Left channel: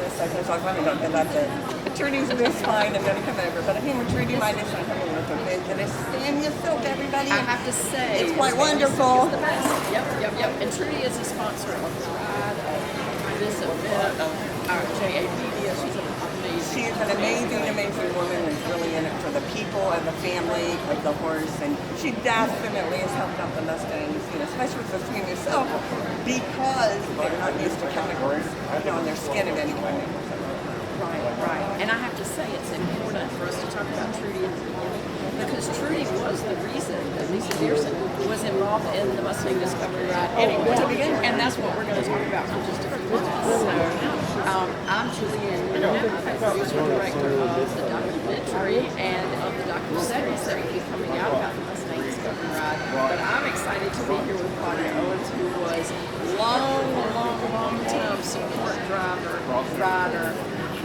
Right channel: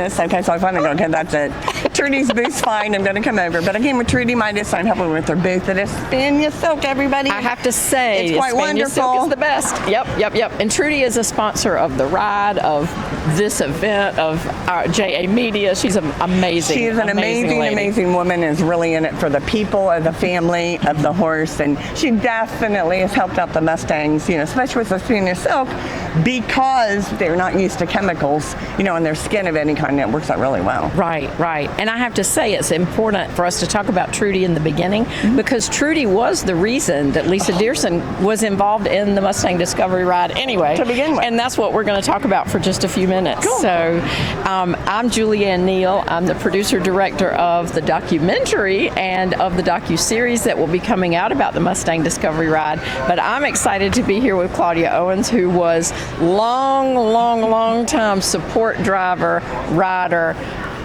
business. Okay, so I finally go, okay, that's it. Trudy's booth's fine. I'm going to come over. But I came with Trudy Midas, so I'm helping with their booth. It is Spanish silk, everybody. I have to say, it's quite wonderful. Silk is the best. Yep. And Trudy is a sponsor of the ride, of this event, of JA Media. She's amazing. She is an amazing woman, is really in it for the people, of the family, of the horse, and she definitely has helped out the Mustangs, especially with the Spanish silk, because they're not used to chemicals, in their skin of any kind. It works out really well. Right. And I have to say, it's important for us to talk about Trudy in the beginning, because Trudy was the reason that Lisa Dearson was involved in the Mustang Discovery Ride anyway. To begin with. And that's what we're going to talk about for just a few minutes. Cool. So I'm Julianne Neal. I'm the producer-director of the documentary and of the docu-series that will be coming out about the Mustang Discovery Ride. But I'm excited to be here with Claudia Owens, who was long time support driver, rider,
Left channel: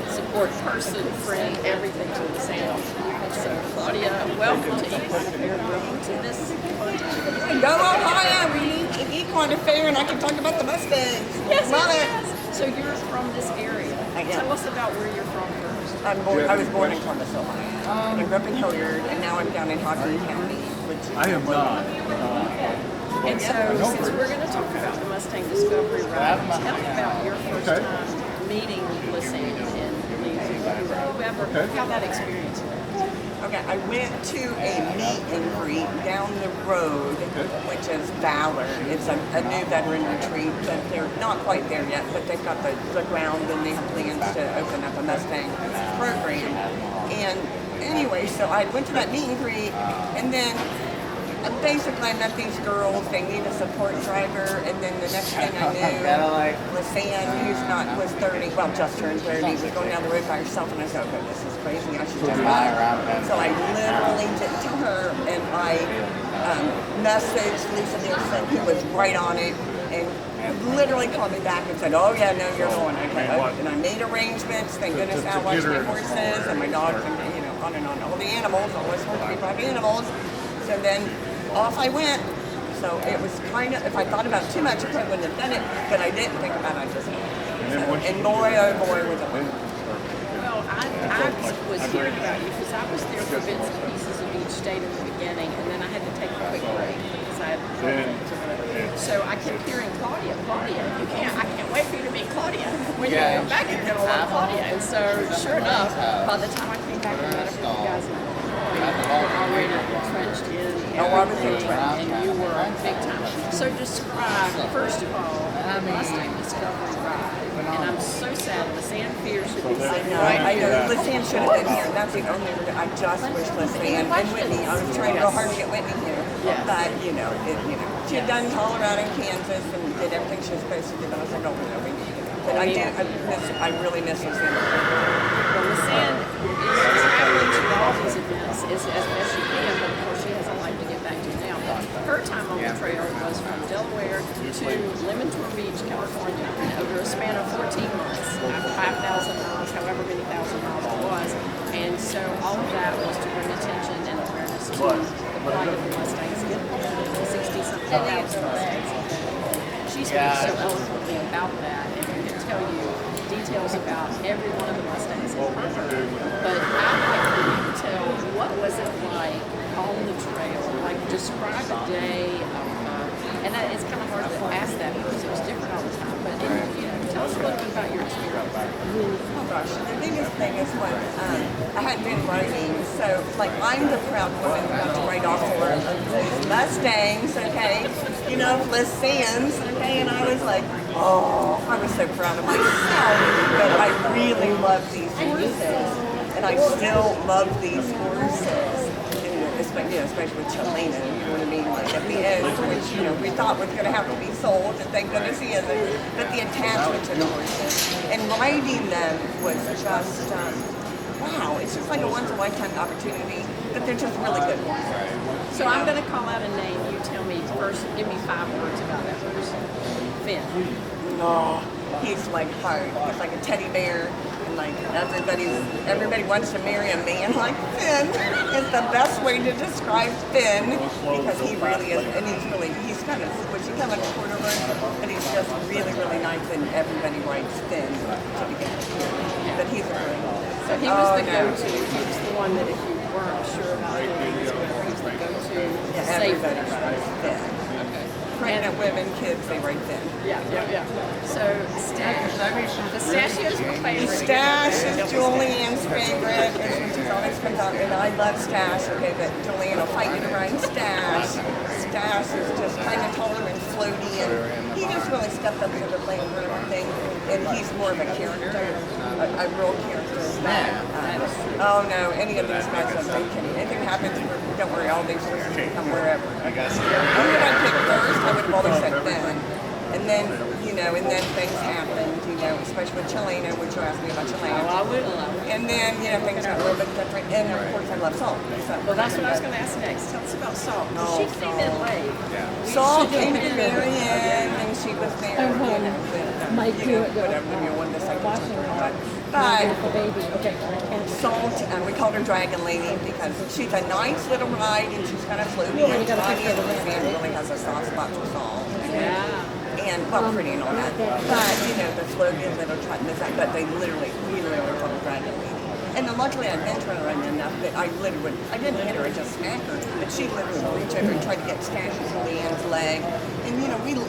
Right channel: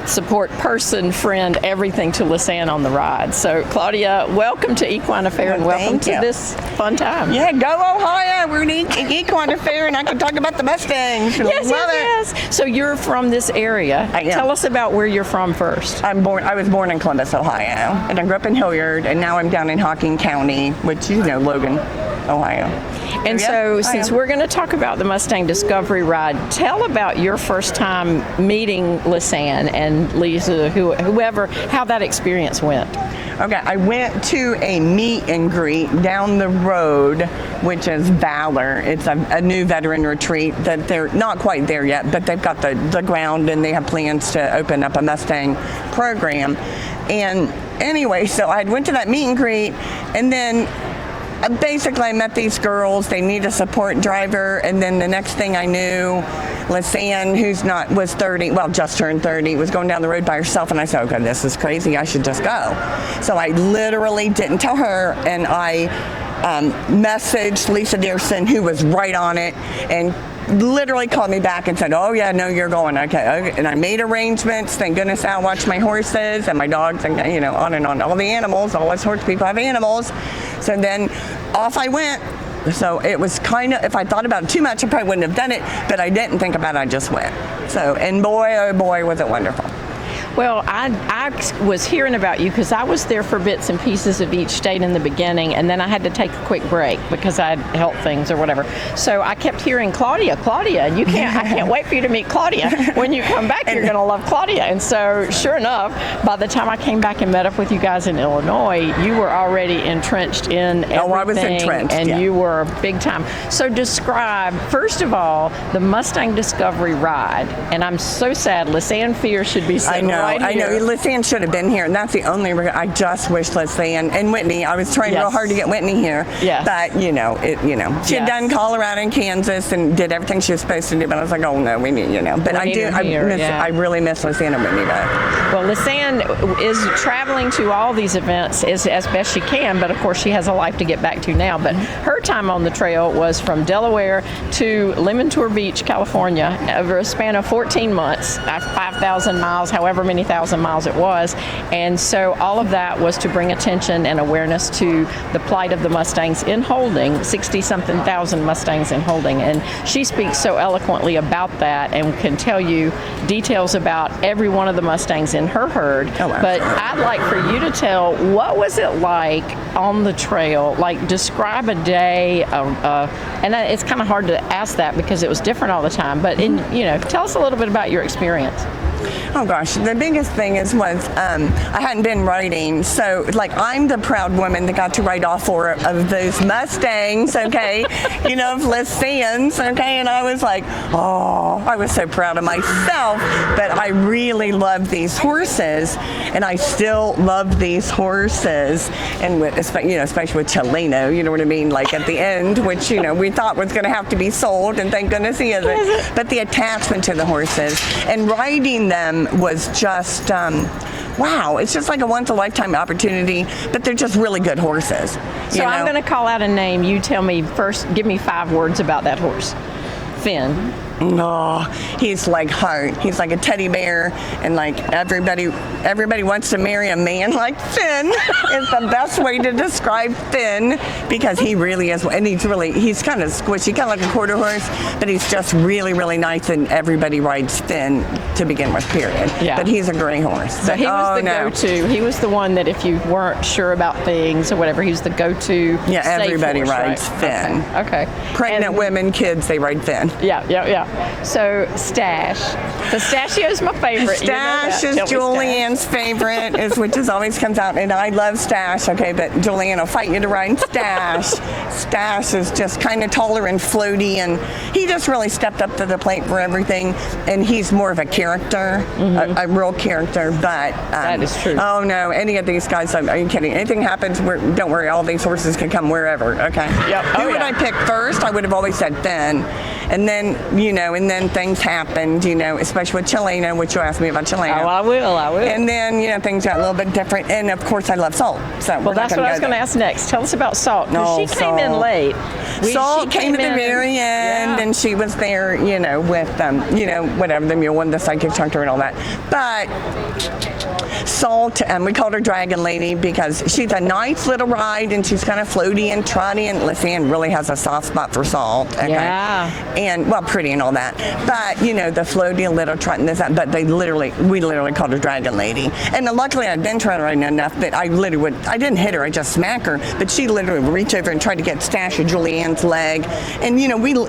support person, friend, everything to Lisanne on the ride. So Claudia, welcome to Equine Affaire, and welcome to this fun time. Yeah, go Ohio. We're in Equine Affaire, and I can talk about the Mustangs. Yes. So you're from this area. Tell us about where you're from first. I was born in Columbus, Ohio, and I grew up in Hilliard, and now I'm down in Hocking County, which Logan, Ohio. And so, since we're going to talk about the Mustang Discovery Ride, tell about your first time meeting Lisanne and Lisa, whoever, how that experience went. Okay, I went to a meet and greet down the road, which is Valor. It's a new veteran retreat that they're not quite there yet, but they've got the ground, and they have plans to open up a Mustang program. And anyway, so I went to that meet and greet, and then basically I met these girls. They need a support driver, and then the next thing I knew, Lisanne, was 30, well, just turned 30, was going down the road by herself, and I said, okay, this is crazy, I should just go. So I literally didn't tell her, and I messaged Lisa Dearson, who was right on it, and literally called me back and said, oh yeah, no, you're going. Okay. And I made arrangements. Thank goodness I watched my horses and my dogs, and on and on. All the animals, all us horse people have animals. So then off I went. So it was kind of, if I thought about it too much, I probably wouldn't have done it, but I didn't think about it, I just went. So, and boy, oh boy, was it wonderful. Well, I was hearing about you because I was there for bits and pieces of each state in the beginning, and then I had to take a quick break because I had health things or whatever. So I kept hearing, Claudia, I can't wait for you to meet Claudia. When you come back, you're going to love Claudia. And so sure enough, by the time I came back and met up with you guys in Illinois, you were already entrenched in everything. Oh, I was entrenched, and you were big time. So describe, first of all, the Mustang Discovery Ride. And I'm so sad, Lisanne Fear should be sitting I know. Lisanne should have been here, and that's the only reason. I just wish Lisanne and Whitney. I was trying real hard to get Whitney here, but she'd done Colorado and Kansas and did everything she was supposed to do. But I was like, oh no, we need. But I really miss Lisanne and Whitney. Well, Lisanne is traveling to all these events as best she can, but of course she has a life to get back to now. But her time on the trail was from Delaware to Lemon-Tour Beach, California, over a span of 14 months, 5,000 miles, however many thousand miles it was. And so all of that was to bring attention and awareness to the plight of the Mustangs in holding, 60-something thousand Mustangs in holding. And she speaks so eloquently about that and can tell you details about every one of the Mustangs in her herd. But I'd like for you to tell, what was it like on the trail? Like, describe a day, and it's kind of hard to ask that because it was different all the time, but tell us a little bit about your experience. Oh gosh, the biggest thing was I hadn't been riding, so I'm the proud woman that got to ride all four of those Mustangs, okay, of Lisanne's, okay, and I was like, oh, I was so proud of myself, but I really love these horses, and I still love these horses, and especially with Chelino, you know what I mean, at the end, which we thought was going to have to be sold, and thank goodness he isn't, but the attachment to the horses and riding them was just wow, it's just like a once-in-a-lifetime opportunity, but they're just really good horses. So I'm going to call out a name. You tell me first, give me 5 words about that horse. Finn. No, he's like heart. He's like a teddy bear, and like everybody wants to marry a man like Finn. It's the best way to describe Finn because he really is, and he's kind of squishy, kind of like a quarter horse, but he's just really, really nice, and everybody rides Finn to begin with, period. Yeah. But he's a great horse. So he was the go-to. He was the one that if you weren't sure about things or whatever, he was the go-to. Yeah, safe everybody horse, rides right? Finn. Okay. Pregnant women, kids, they ride Finn. Yeah. So Stash. Pistachio's my favorite. Stash is Julianne's favorite, which always comes out, and I love Stash, okay, but Julianne will fight you to ride Stash. Stash is just kind of taller and floaty, and he just really stepped up to the plate for everything, and he's more of a character, a real character, but... that is true. Oh, no, any of these guys, are you kidding? Anything happens, don't worry, all these horses can come wherever, okay? Who would I pick first? I would have always said Finn. And then, things happened, especially with Chilena, which you asked me about Chilena. Oh, I will. And then, things got a little bit different. And, of course, I love Salt. So well, that's what I was going to ask next. Tell us about Salt. No, she came in late. Salt came to the very end, and she was there, with, whatever, the mule and the psychic chunker and all that. But Salt, we called her Dragon Lady because she's a nice little ride, and she's kind of floaty and trotty, and Lisanne really has a soft spot for Salt. Okay? Yeah. And, pretty and all that. But, the floaty and little trot and this, that, but we literally called her Dragon Lady. And luckily I'd been trying to ride enough that I didn't hit her, I just smacked her, but she literally would reach over and try to get Stash of Julianne's leg. And,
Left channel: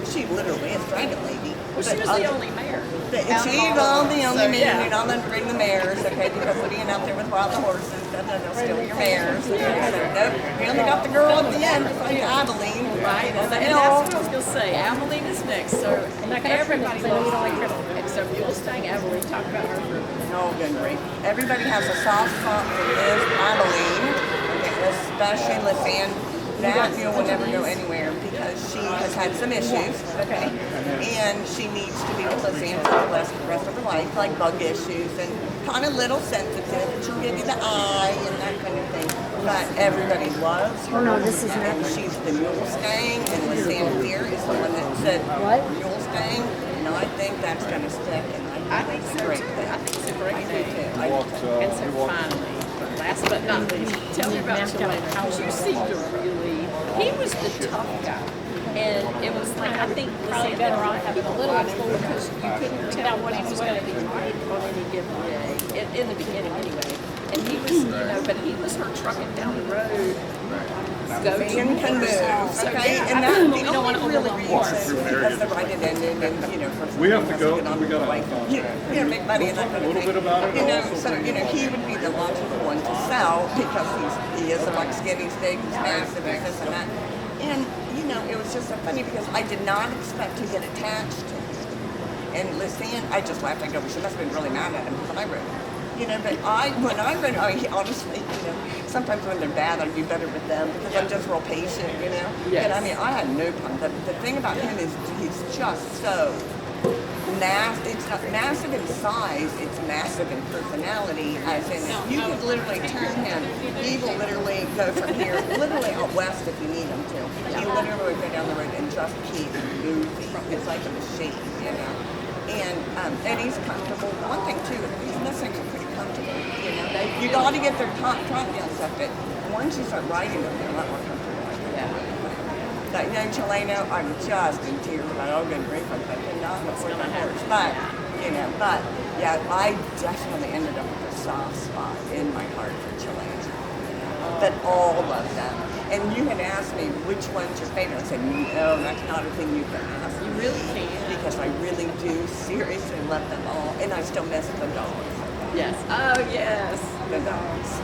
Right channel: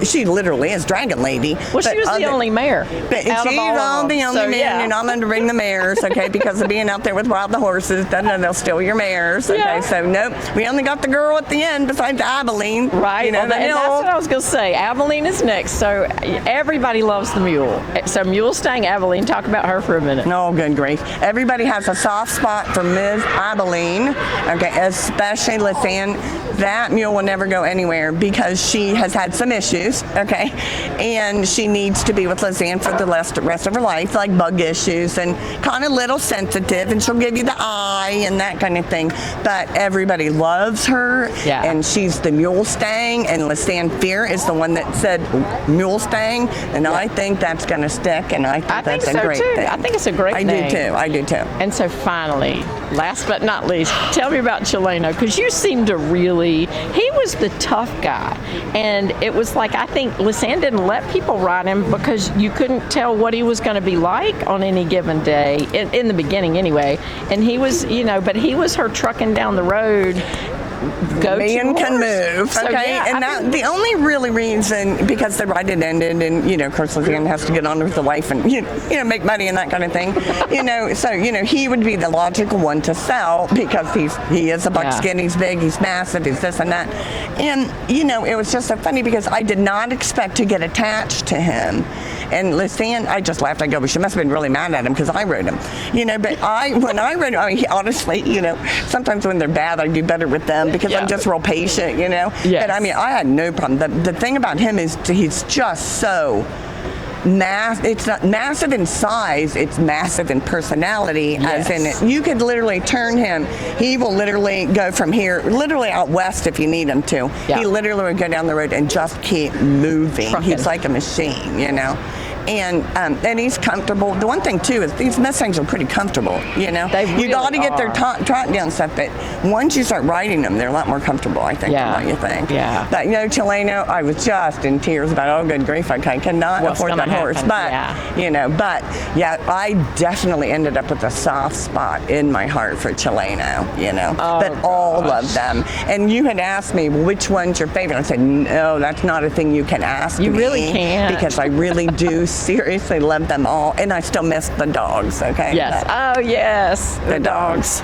she literally is Dragon Lady. Well, she was the only mare. But she's the only mare, and I'm going to bring the mares, okay, because of being out there with wild horses, they'll steal your mares, okay? Yeah. So, nope, we only got the girl at the end besides Aveline. Right, and that's what I was going to say. Aveline is next, so everybody loves the mule. So Mustang Aveline, talk about her for a minute. No, good grief. Everybody has a soft spot for Ms. Aveline, okay, especially Lisanne. That mule will never go anywhere because she has had some issues, okay? And she needs to be with Lisanne for the rest of her life, like bug issues and kind of little sensitive, and she'll give you the eye and that kind of thing. But everybody loves her, and she's the Mustang, and Lisanne Fear is the one that said Mustang, and I think that's going to stick, and I think that's a great thing. I think it's a great thing. I do too. And so finally, last but not least, tell me about Chileno, because you seem to really, he was the tough guy, and it was like, I think Lisanne didn't let people ride him because you couldn't tell what he was going to be like on any given day, in the beginning anyway, and he was, but he was her trucking down the road. Man can move, so, okay? And that, the only really reason, because the ride had ended, and, of course, Lisanne has to get on with the wife and, make money and that kind of thing, so, he would be the logical one to sell because he is a buckskin, he's big, he's massive, he's this and that. And, it was just so funny because I did not expect to get attached to him. And Lisanne, I just laughed. I go, well, she must have been really mad at him because I rode him. But when I rode him, honestly, sometimes when they're bad, I do better with them because I'm just real patient, Yes. But I had no problem. The thing about him is he's just so it's not massive in size, it's massive in personality, as in it. You could literally turn him. He will literally go from here, literally out west if you need him to. Yeah. He literally would go down the road and just keep moving. He's like a machine, And he's comfortable. The one thing, too, is these Mustangs are pretty comfortable, You got to get their trot down stuff, but once you start riding them, they're a lot more comfortable, I think, than what you think. Yeah. But, Chileno, I was just in tears about, oh, good grief, I cannot afford that horse. But, I definitely ended up with a soft spot in my heart for Chileno, But all of them. And you had asked me, which one's your favorite? I said, no, that's not a thing you can ask me. You really can't. Because I really do seriously love them all, and I still miss the dogs, okay? Yes. Yes. The dogs.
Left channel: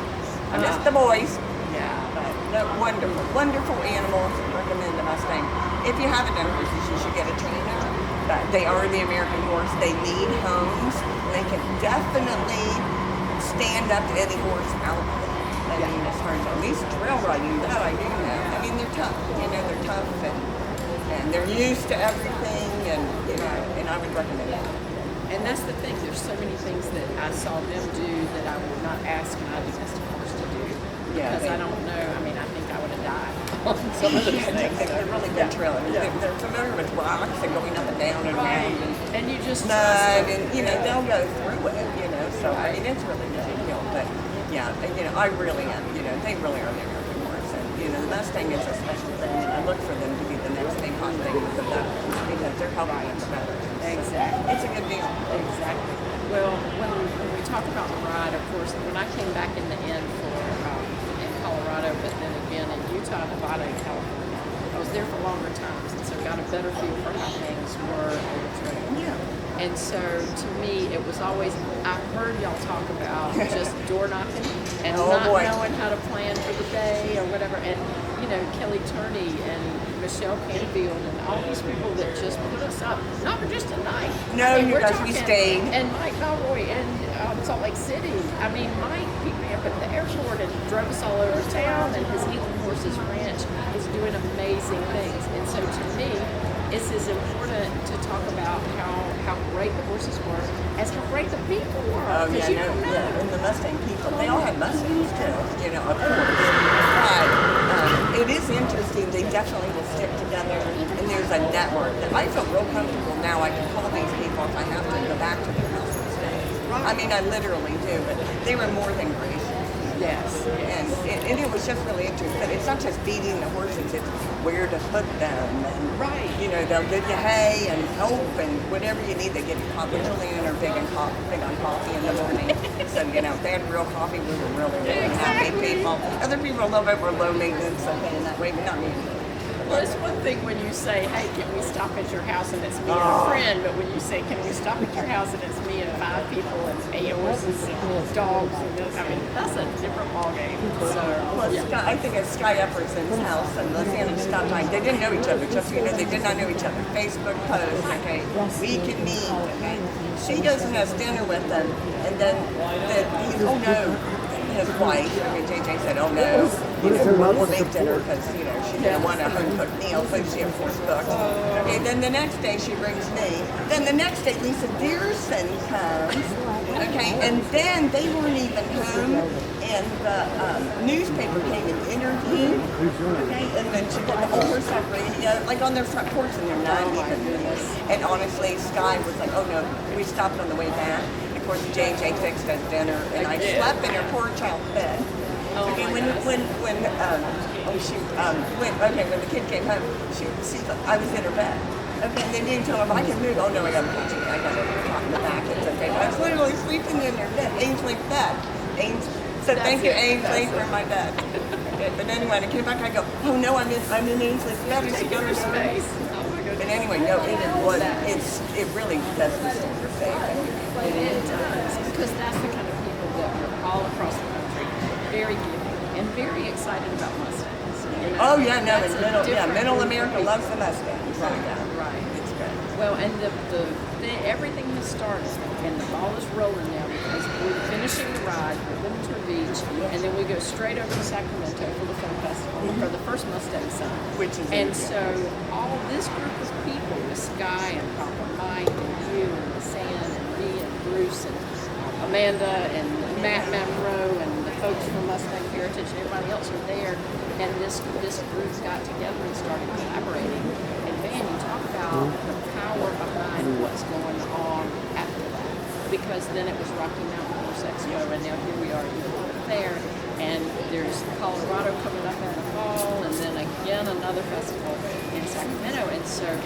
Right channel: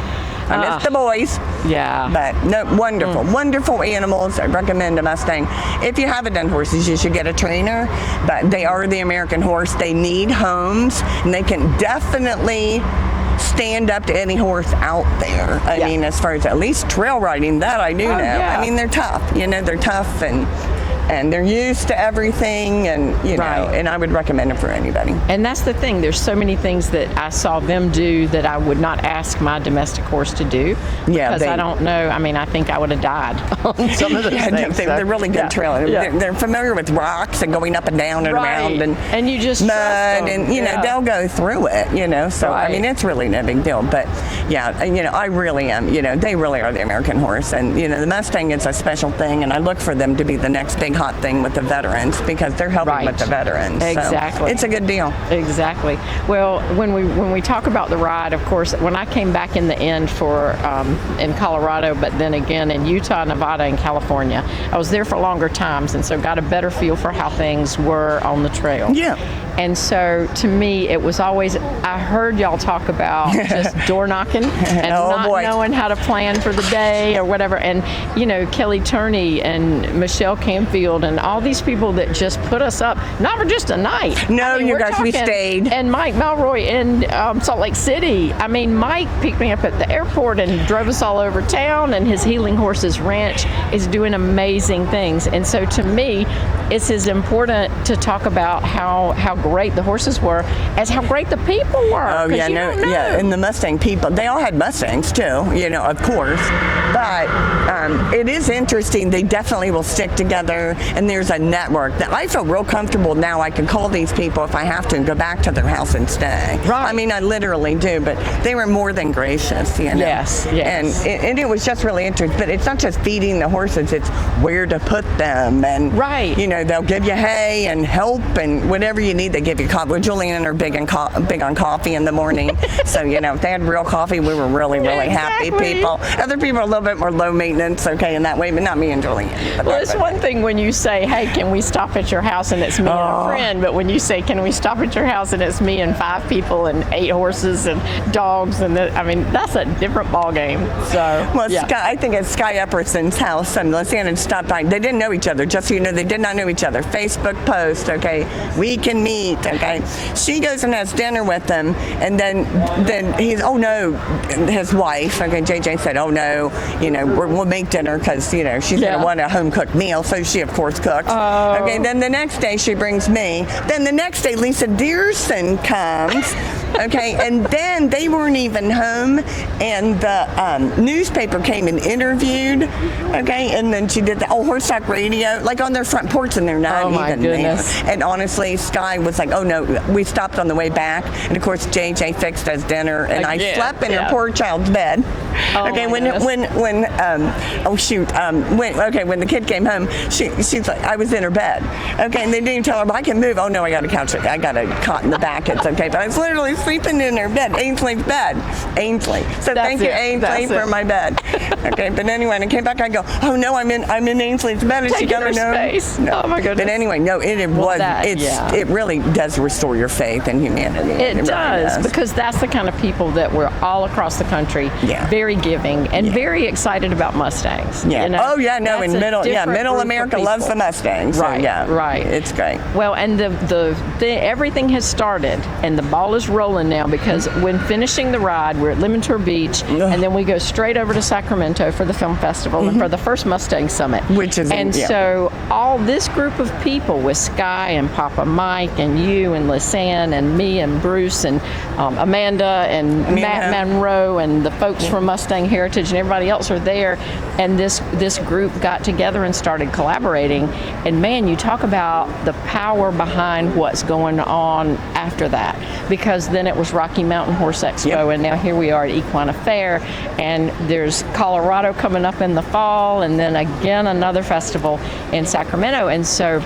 I miss the boys. Yeah. But no, wonderful animals. I recommend a Mustang. If you haven't done horses, you should get a trainer, but they are the American horse. They need homes, and they can definitely stand up to any horse out there. I mean, as far as at least trail riding, that I do know. Yeah. I mean, they're tough, they're tough, and and they're used to everything, and you know, Right. and I would recommend it for anybody. And that's the thing. There's so many things that I saw them do that I would not ask my domestic horse to do. Yeah, because I don't know. I mean, I think I would have died on some of those things. They're really good trailers. Yeah. They're familiar with rocks and going up and down and Right. around, And you just mud, trust them. and you know, Yeah. they'll go through it. You know, so I Right. mean, it's really no big deal. But yeah, and, you know, I really am. You know, they really are the American horse, and you know, the Mustang is a special thing, and I look for them to be the next big hot thing with the veterans because they're helping Right. with the veterans. So Exactly. it's a good deal. Exactly. Well, when we talk about the ride, of course, when I came back in the end for in Colorado, but then again in Utah, Nevada, and California, I was there for longer times, and so got a better feel for how things were on the trail. Yeah. And so to me, it was always, I heard y'all talk about just door knocking and Oh, not boy. knowing how to plan for the day or whatever. And, you know, Kelly Turney and Michelle Canfield and all these people that just put us up, not for just a night. No, you we're guys, we talking- stayed. And Mike Malroy in Salt Lake City. I mean, Mike picked me up at the airport and drove us all over town, and his Healing Horses Ranch is doing amazing things. And so to me, it's as important to talk about how great the horses were as how great the people were. Oh 'cause yeah, you no, don't know. yeah, and the Mustang people, they all had Mustangs too, you know, of course. But it is interesting. They definitely will stick together, and there's a network that I feel real comfortable now. I can call these people if I have to and go back to their house and stay. Right. I mean, I literally do, but they were more than gracious, you know. Yes, yes. And it was just really interesting. But it's not just feeding the horses; it's where to put them, and Right. you know, they'll give you hay and help and whatever you need. They give you coffee. Well, Julianne are big on coffee in the morning, so you know, if they had real coffee, we were really happy Exactly. people. Other people are a little bit more low maintenance, okay, in that way, but not me and Julianne. But Well, not- it's one thing when you say, hey, can we stop at your house, and it's me and a friend, but when you say, can we stop at your house, and it's me and 5 people and 8 horses and dogs, and I mean, that's a different ball game. So, Well, yeah. Sky, I think at Sky Epperson's house, Lisanne stopped by. They didn't know each other, just so you know, they did not know each other. Facebook post, okay, we can meet, okay. She goes and has dinner with them, and then he's, oh no, his wife, okay, JJ said, oh no, you know, we'll make dinner because, you know, she's going to want a home-cooked meal, so she, of course, cooked. Okay, then the next day she brings me. Then the next day Lisa Dearson comes, okay, and then they weren't even home, and the newspaper came and interviewed, okay, and then she did the old horse talk radio, like on their front porch, and they're not Oh, my even goodness. there. And honestly, Sky was like, oh no, we stopped on the way back, and of course JJ fixed us dinner, and I Again, slept in her yeah. poor child's bed. Oh, Okay, my when the kid came home, she's like, I was in her bed. Okay, and they didn't tell her, I can move. Oh no, I got a couch. I got a cot in the back. It's okay. But I was literally sleeping in her bed, Ainsley's bed. Ainsley. So That's thank you, it. Ainsley, That's for it. my bed. Okay, but anyway, when I came back, I go, oh no, I'm in Ainsley's bed. And she Taking got her no space. No. Oh, my goodness. But anyway, no, Yeah. it really does restore your faith in humanity. It really does, because that's the kind of people that we're all across the country, Yeah. very giving and very excited about Mustangs. Yeah. You know? Oh yeah, no, That's in a middle different group of America loves the people. Mustangs. So, Right, yeah, right. It's great. Well, and everything has started, and the ball is rolling now, because when finishing the ride, we're at Limantour Beach, and then we go straight over to Sacramento for the film festival and for the first Mustang Summit. Which is- and yeah. so all this group of people with Sky and Papa Mike and you and Lisanne and me and Bruce and Amanda and Matt Monroe and the folks from Mustang Heritage and everybody else are there, and this group got together and started collaborating. And man, you talk about the power behind what's going on after that, because then it was Rocky Mountain Horse Expo, Yep. and now here we are at Equine Affaire, and there's Colorado coming up in the fall, and then again another festival in Sacramento. And so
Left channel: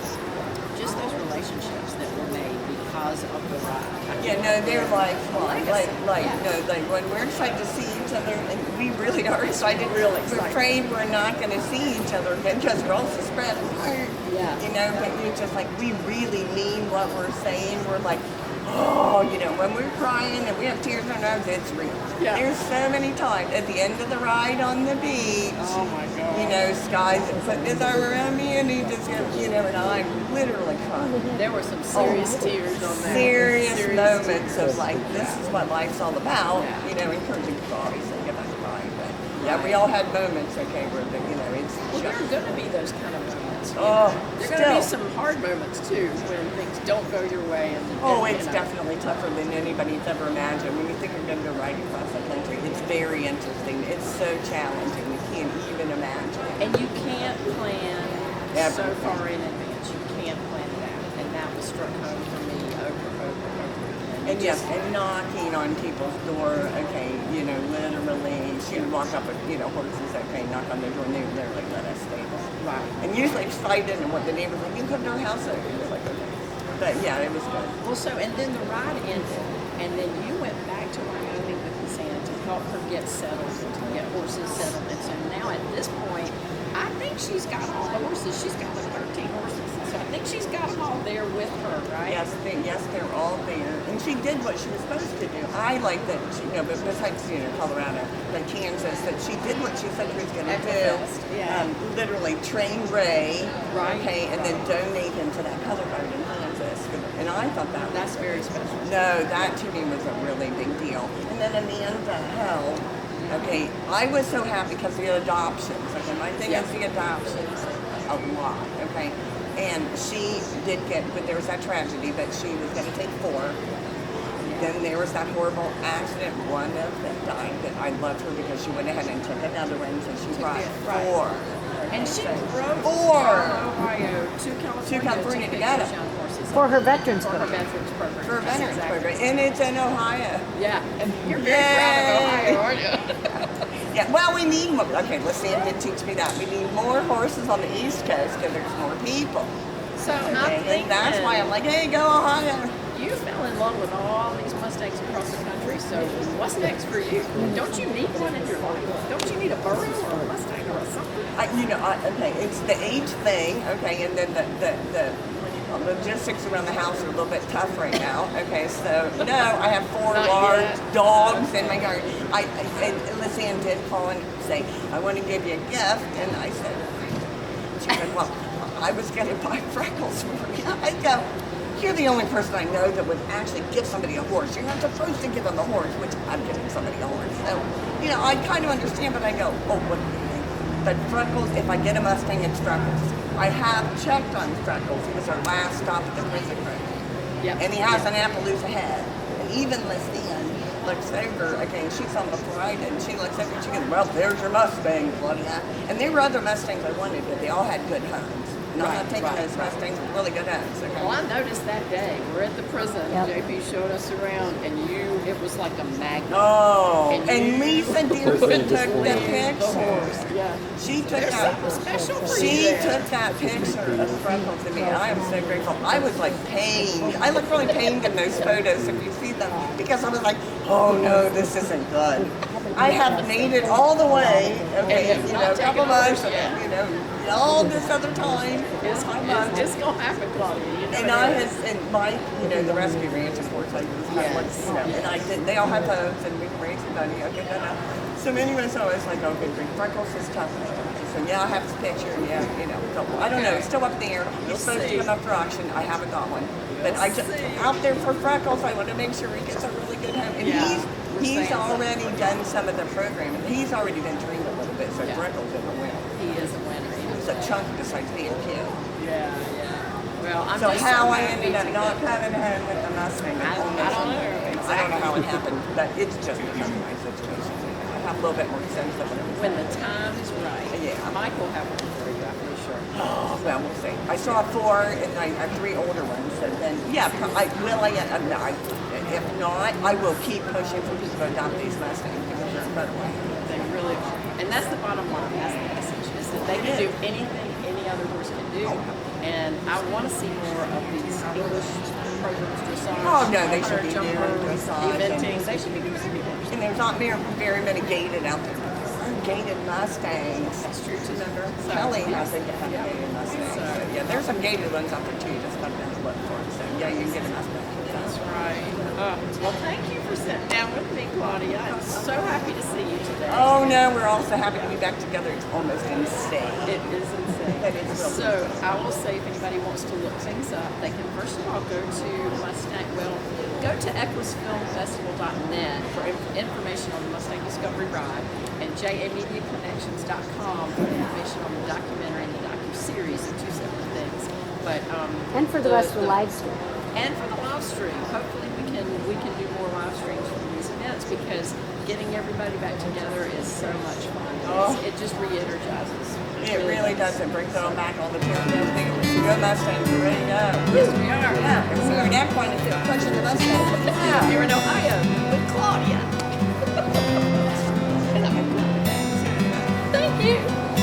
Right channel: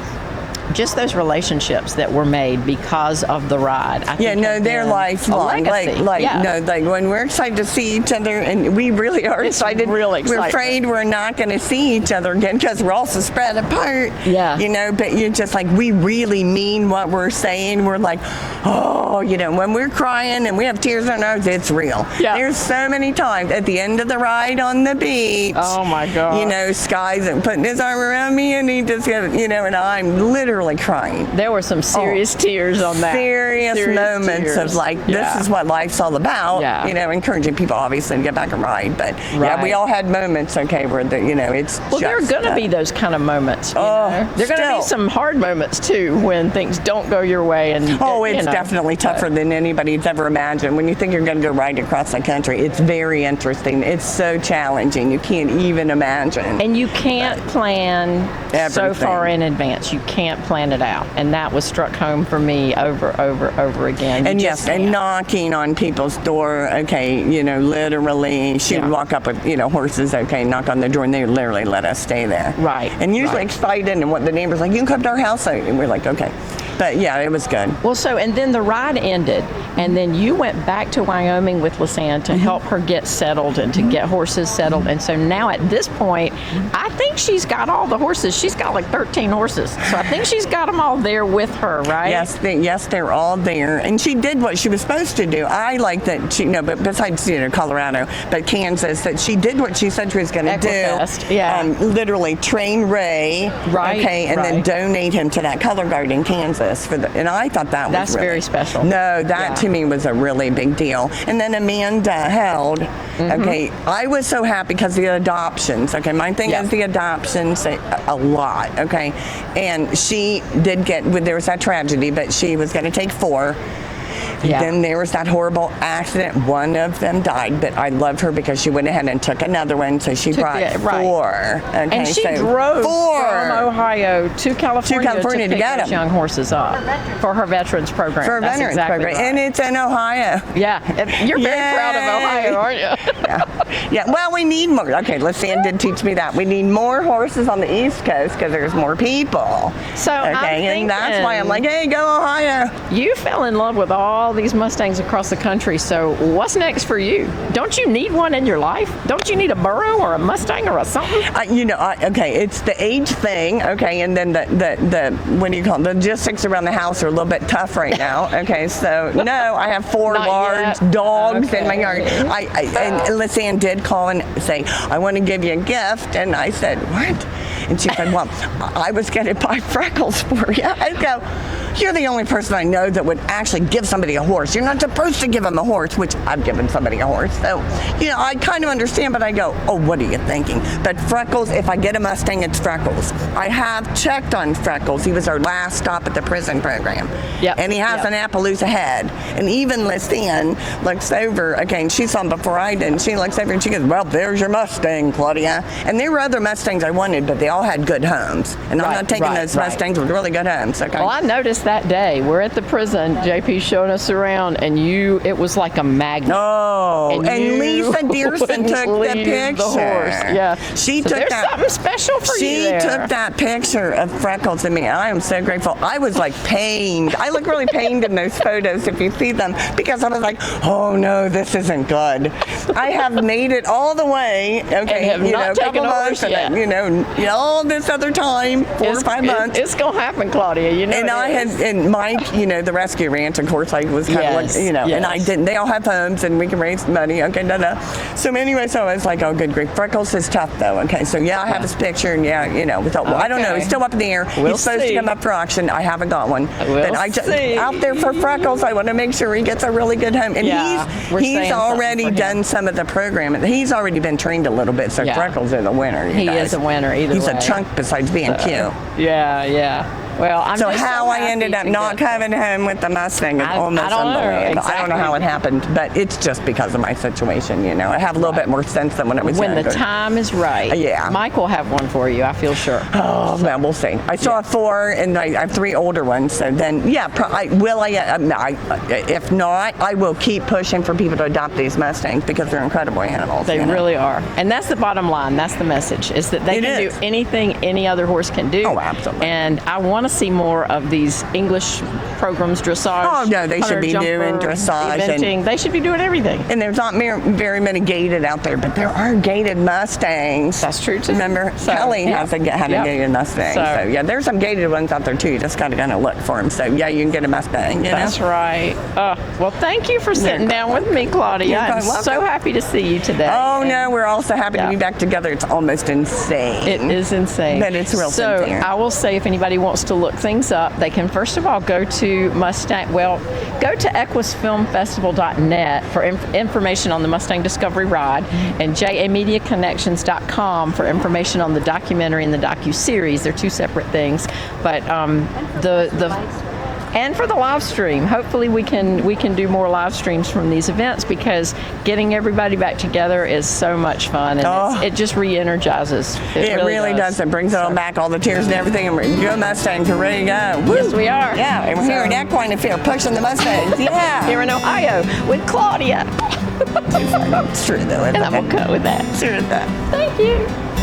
just those relationships that were made because of the ride. I Yeah, think no, they're a lifelong. legacy. Yeah. Like when we're excited to see each other, and we really are excited. really We're exciting. afraid we're not going to see each other again because we're also spread apart. Yeah. You know, but you're just like, we really mean what we're saying. We're like, oh, when we're crying and we have tears in our eyes, it's real. Yeah. There's so many times at the end of the ride on the beach. Oh my God. Sky's putting his arm around me and he just goes, and I'm literally crying. There were some serious tears on that. Serious moments tears. of this is what life's all about. Yeah. Encouraging people obviously to get back and ride. But yeah, Right. we all had moments, okay, where it's Well, there are going to be those kind of moments. There are going to be some hard moments too when things don't go your way. And it's definitely tougher than anybody's ever imagined. When you think you're going to go ride across the country, it's very interesting. It's so challenging. You can't even imagine. And you can't plan so Everything. far in advance. You can't plan it out. And that was struck home for me over again. And yes, and knocking on people's door, okay, literally, she would walk up with, horses, okay, knock on the door, and they would literally let us stay there. Right. And usually excited, and what the neighbor's like, you can come to our house, and we're like, okay. But yeah, it was good. Well, and then the ride ended, and then you went back to Wyoming with Lisanne to help her get settled and to get horses settled. And so now at this point, I think she's got all the horses. She's got like 13 horses. So I think she's got them all there with her, right? Yes, they're all there. And she did what she was supposed to do. I like that she, but besides, Colorado, but Kansas, that she did what she said she was going to do. Yeah. Literally train Ray, right, okay, and then donate him to that color guard in Kansas. And I thought that's was really, very special. No, that to me was a really big deal. And then Amanda held. Okay, I was so happy because the adoptions. Okay, my thing is the adoptions a lot. Okay, and she did there was that tragedy, but she was going to take 4. Yeah. Then there was that horrible accident. One of them died, but I loved her because she went ahead and took another one, so she brought 4. Okay, and she drove from Ohio to California to get those young horses up for her veterans program. For her veterans program, right. And it's in Ohio. Yeah, you're very proud of Ohio, aren't you? Yeah. Well, we need more. Okay, Lisanne did teach me that. We need more horses on the East Coast because there's more people. So and that's why I'm like, hey, go Ohio. You fell in love with all these Mustangs across the country, so what's next for you? Don't you need one in your life? Don't you need a burro or a Mustang or a something? Okay, it's the age thing, okay, and then the what do you call it? The logistics around the house are a little bit tough right now, okay, so no, I have 4 large dogs in my yard. And Lisanne did call and say, I want to give you a gift, and I said, what? And she said, well, I was going to buy Freckles for you. I go, you're the only person I know that would actually give somebody a horse. You're not supposed to give them a horse, which I've given somebody a horse. So, I kind of understand, but I go, oh, what are you thinking? But Freckles, if I get a Mustang, it's Freckles. I have checked on Freckles. He was our last stop at the prison program. Yep. And he has an Appaloosa head. And even Lisanne looks over, okay, and she saw him before I did, and she looks over and she goes, well, there's your Mustang, Claudia. And there were other Mustangs I wanted, but they all had good homes. And I'm not taking those Mustangs with really good homes, okay? Well, I noticed that day. We're at the prison. JP showed us around, and it was like a magnet. Oh, and Lisa Dearson took the picture. The horse. Yeah. She so took there's that. Something special for you. She took that picture of Freckles and me, and I am so grateful. I was like pained. I look really pained in those photos if you see them, because I was like, oh no, this isn't good. I have made it all the way. Okay, taken over all this other time, 4 or 5 months. It's gonna happen, Claudia. And Mike, the rescue ranch, of course, I was kind of like, and I didn't. They all have homes, and we can raise money. Okay, So anyway, so I was like, oh, good grief. Freckles is tough, though. Okay, so I have his picture, and we thought, well, I don't know. He's still up in the air. He's supposed to come up for auction. I haven't got one. But I just out there for Freckles. I want to make sure he gets a really good home. And he's already done some of the programming. He's already been trained a little bit. So Freckles is a winner. He is a winner either way. He's a chunk besides being cute. Yeah. Well, so how I ended up not coming home with the Mustang is almost unbelievable. Exactly. I don't know how it happened, but it's just because of my situation. I have a little bit more sense than when it was when younger. the time is right. Yeah. Mike will have one for you, I feel sure. Oh, well, we'll see. I still have 4, and I have 3 older ones. So then, if not, I will keep pushing for people to adopt these Mustangs because they're incredible animals. They really are. And that's the bottom line. That's the message, is that they can do anything any other horse can do. Oh, absolutely. And I want to see more of these English programs, dressage. Oh, no, they should be hunter doing jumper, dressage eventing. They should be doing everything. And there's not very many gated out there, but there are gated Mustangs. That's true, too. Remember, So, Kelly yeah. had a gated Mustang. So- So, yeah, there's some gated ones out there, too. You just got to kind of look for them. So, yeah, you can get a Mustang. You That's know? right. Well, thank you for sitting down with me, Claudia. You're I'm quite so welcome. happy to see you today. Oh, no, we're also happy to be Yeah. back together. It's almost insane. It is insane. But it's real So sincere. I will say, if anybody wants to look things up, they can first of all go to go to equusfilmfestival.net for information on the Mustang Discovery Ride, and jamediaconnections.com for information on the documentary and the docu-series. They're two separate things, but And for the live stream. and for the live stream. Hopefully we can do more live streams from these events, because getting everybody back together is so much fun, and it just re-energizes. It really does. It brings it all back, all the tears and everything, and we're good Mustangs are ready to go. Woo! Yes, we are. Yeah, and we're here at Equine Affaire pushing the Mustangs. Yeah. Here in Ohio with Claudia. It's true, though. And I will cut with that. Sure is that. Thank you.